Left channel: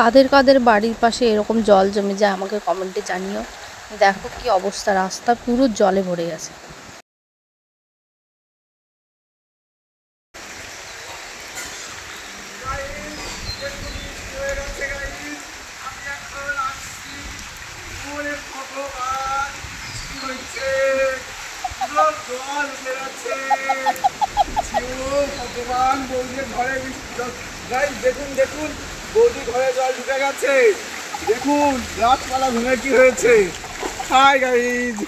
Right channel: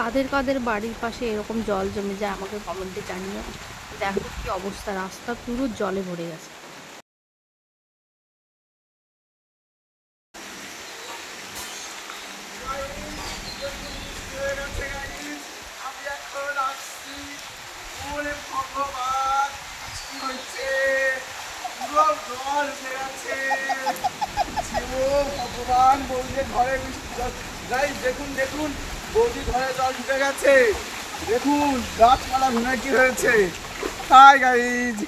কাদের কাদের বাড়ির পাশে এরকম জল জমে যায় আমাকে কমেন্টে জানিও। দেখো কি অবস্থা, রাস্তা পুরো জলে ভরে গেছে। ভগবান, বৌদির ঘরে দেখুন দেখুন, বৌদি ঘরে জল ঢুকে গেছে। দেখুন গাছপালা ভেঙে কি হয়েছে। Hi guys.